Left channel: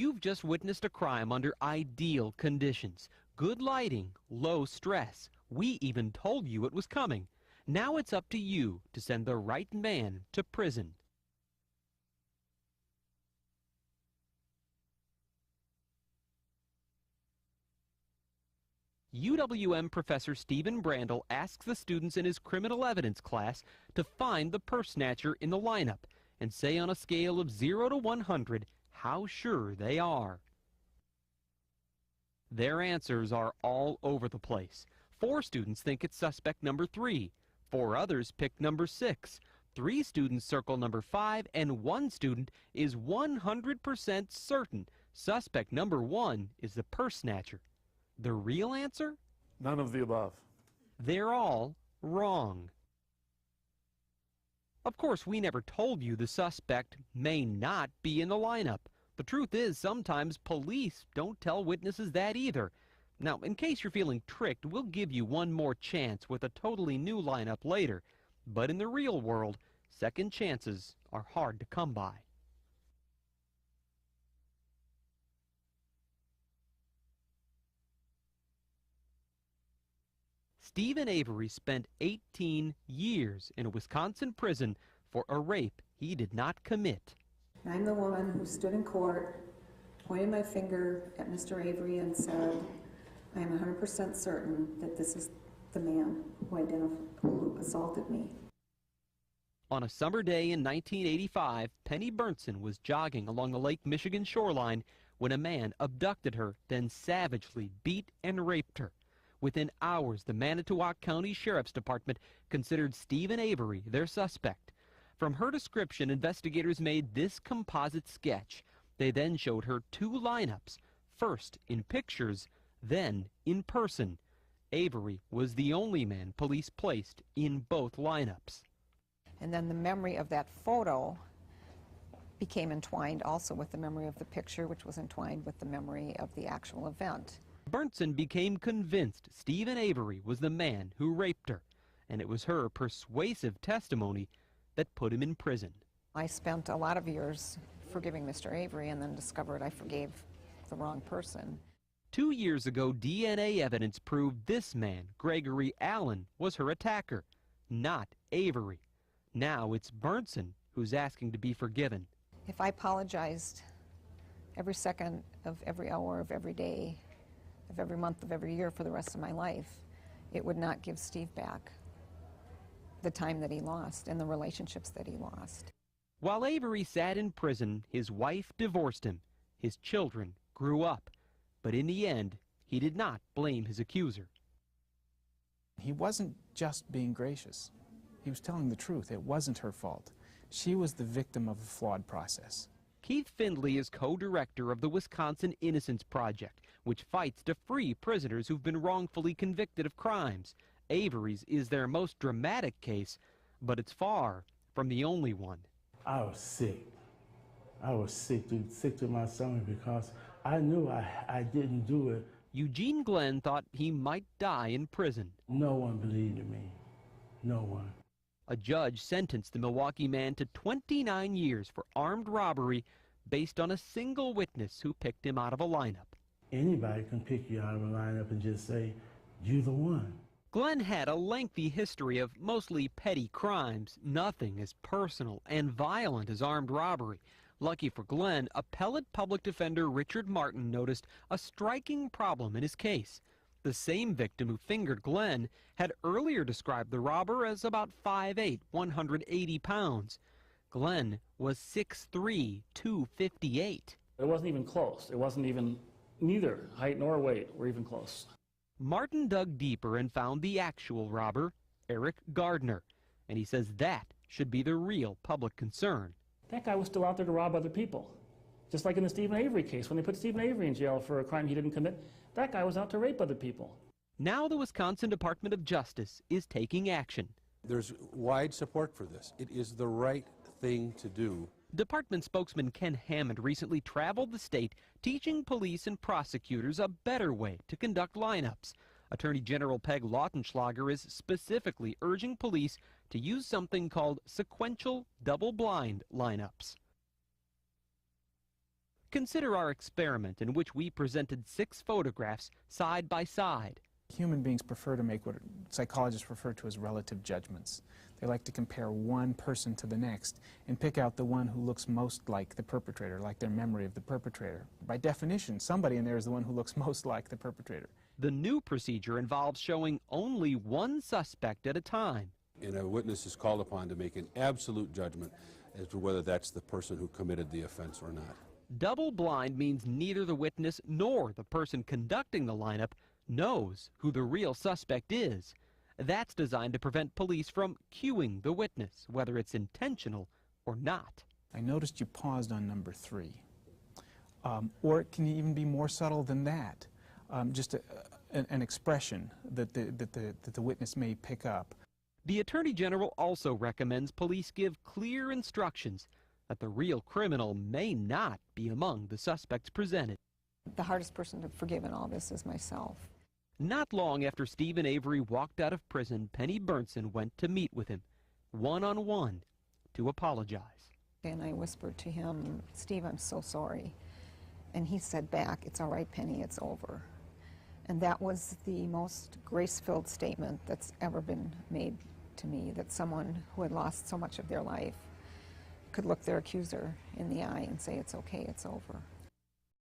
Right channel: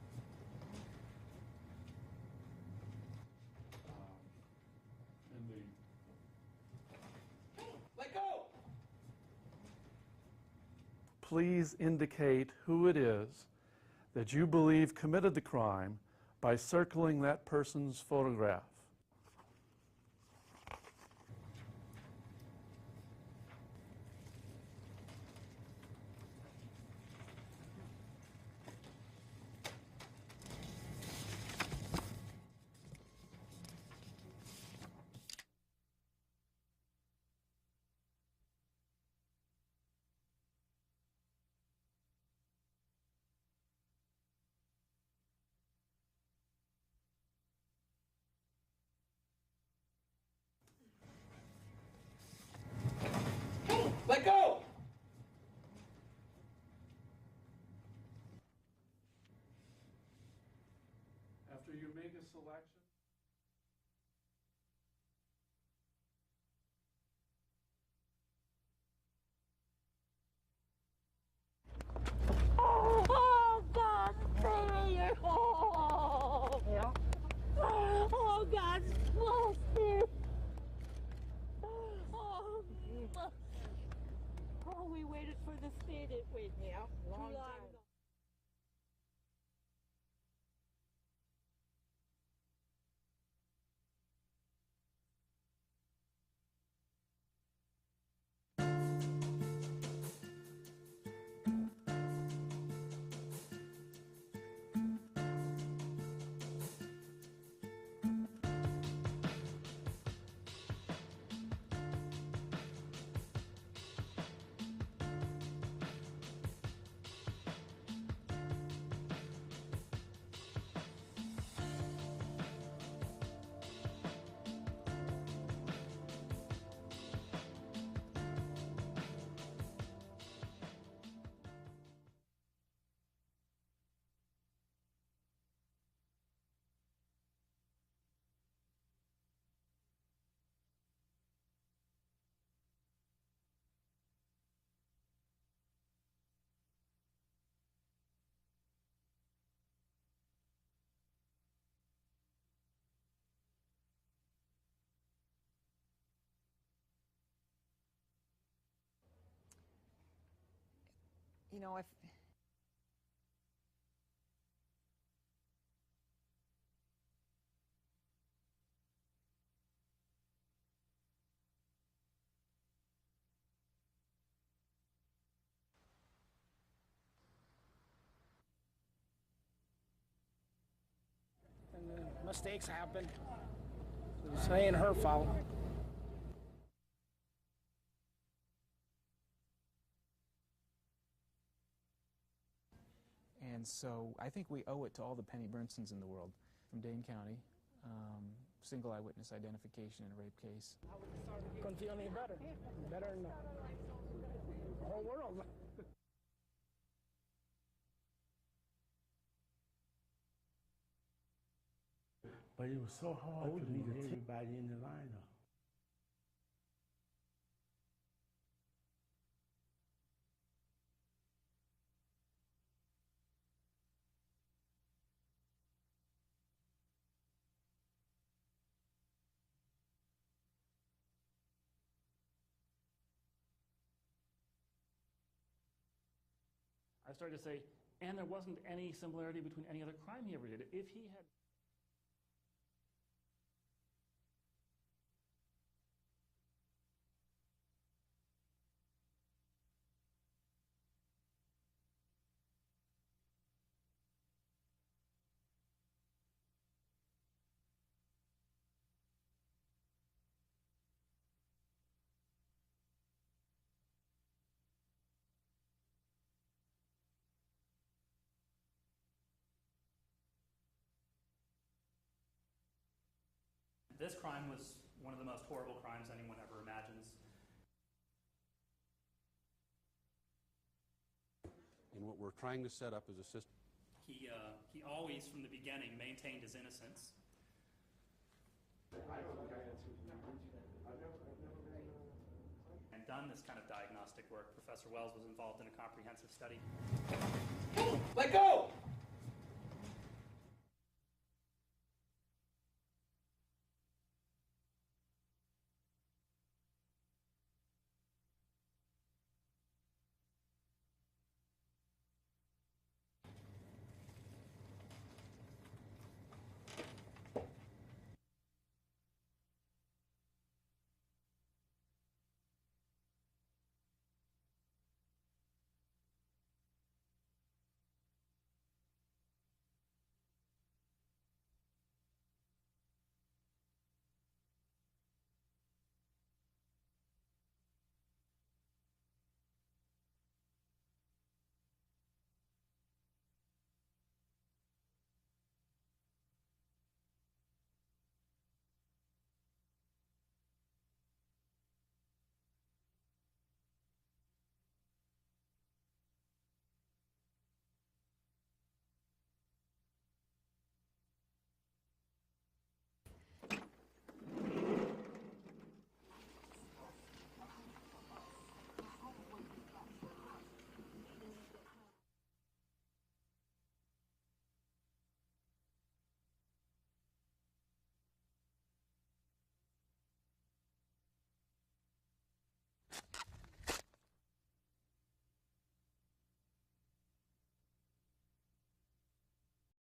You've just witnessed a crime under ideal conditions. Good lighting, low stress. We even told you it was coming. Now it's up to you to send the right man to prison. Please indicate who it is that you believe committed the crime by circling that person's photograph. UWM Professor Stephen Brandel asks the students in his criminal evidence class to find the purse snatcher in the lineup and say on a scale of 0 to 100 how sure they are. Their answers are all over the place. 4 students think it's suspect number 3. 4 others pick number 6. 3 students circle number 5, and 1 student is 100% certain suspect number 1 is the purse snatcher. The real answer? None of the above. They're all wrong. Hey, let go! Of course, we never told you the suspect may not be in the lineup. The truth is, sometimes police don't tell witnesses that either. Now, in case you're feeling tricked, we'll give you one more chance with a totally new lineup later. But in the real world, second chances are hard to come by. Oh, God, baby, you're home. Yeah. Oh, God's closer. Stephen Avery spent 18 years in a Wisconsin prison for a rape he did not commit. I'm the woman who stood in court, pointed my finger at Mr. Avery and said, I am 100% certain that this is the man who assaulted me. On a summer day in 1985, Penny Burnson was jogging along the Lake Michigan shoreline when a man abducted her, then savagely beat and raped her. Within hours, the Manitowoc County Sheriff's Department considered Stephen Avery their suspect. From her description, investigators made this composite sketch. They then showed her 2 lineups, first in pictures, then in person. Avery was the only man police placed in both lineups. And then the memory of that photo became entwined also with the memory of the picture, which was entwined with the memory of the actual event. Burnson became convinced Stephen Avery was the man who raped her, and it was her persuasive testimony that put him in prison. I spent a lot of years forgiving Mr. Avery and then discovered I forgave the wrong person. 2 years ago, DNA evidence proved this man, Gregory Allen, was her attacker, not Avery. Now it's Burnson who's asking to be forgiven. If I apologized every second of every hour of every day, of every month of every year for the rest of my life, it would not give Steve back the time that he lost and the relationships that he lost. While Avery sat in prison, his wife divorced him. His children grew up. But in the end, he did not blame his accuser. It ain't her fault. He wasn't just being gracious. He was telling the truth. It wasn't her fault. She was the victim of a flawed process. Keith Findley is co-director of the Wisconsin Innocence Project, which fights to free prisoners who've been wrongfully convicted of crimes. Avery's is their most dramatic case, but it's far from the only one. I was sick. I was sick to my stomach because I knew I didn't do it. Eugene Glenn thought he might die in prison. No one believed in me. No one. A judge sentenced the Milwaukee man to 29 years for armed robbery based on a single witness who picked him out of a lineup. Anybody can pick you out of a lineup and just say, you're the one. Glenn had a lengthy history of mostly petty crimes, nothing as personal and violent as armed robbery. Lucky for Glenn, appellate public defender Richard Martin noticed a striking problem in his case. The same victim who fingered Glenn had earlier described the robber as about 5'8", 180 pounds. Glenn was 6'3", 258. It wasn't even close. It wasn't even, neither height nor weight were even close. Martin dug deeper and found the actual robber, Eric Gardner, and he says that should be the real public concern. That guy was still out there to rob other people. Just like in the Stephen Avery case, when they put Stephen Avery in jail for a crime he didn't commit, that guy was out to rape other people. Now the Wisconsin Department of Justice is taking action. There's wide support for this. It is the right thing to do. Department spokesman Ken Hammond recently traveled the state teaching police and prosecutors a better way to conduct lineups. Attorney General Peg Lautenschlager is specifically urging police to use something called sequential double-blind lineups. Let go! Consider our experiment in which we presented 6 photographs side by side. Human beings prefer to make what psychologists refer to as relative judgments. They like to compare one person to the next and pick out the one who looks most like the perpetrator, like their memory of the perpetrator. By definition, somebody in there is the one who looks most like the perpetrator. The new procedure involves showing only one suspect at a time. And a witness is called upon to make an absolute judgment as to whether that's the person who committed the offense or not. Double blind means neither the witness nor the person conducting the lineup knows who the real suspect is. That's designed to prevent police from cueing the witness, whether it's intentional or not. I noticed you paused on number 3. Or it can even be more subtle than that. Just an expression that the witness may pick up. The Attorney General also recommends police give clear instructions that the real criminal may not be among the suspects presented. The hardest person to forgive in all this is myself. Not long after Stephen Avery walked out of prison, Penny Burnson went to meet with him, one-on-one, to apologize. And I whispered to him, "Steve, I'm so sorry." And he said back, "It's all right, Penny, it's over." And that was the most grace-filled statement that's ever been made to me, that someone who had lost so much of their life could look their accuser in the eye and say, "It's okay, it's over."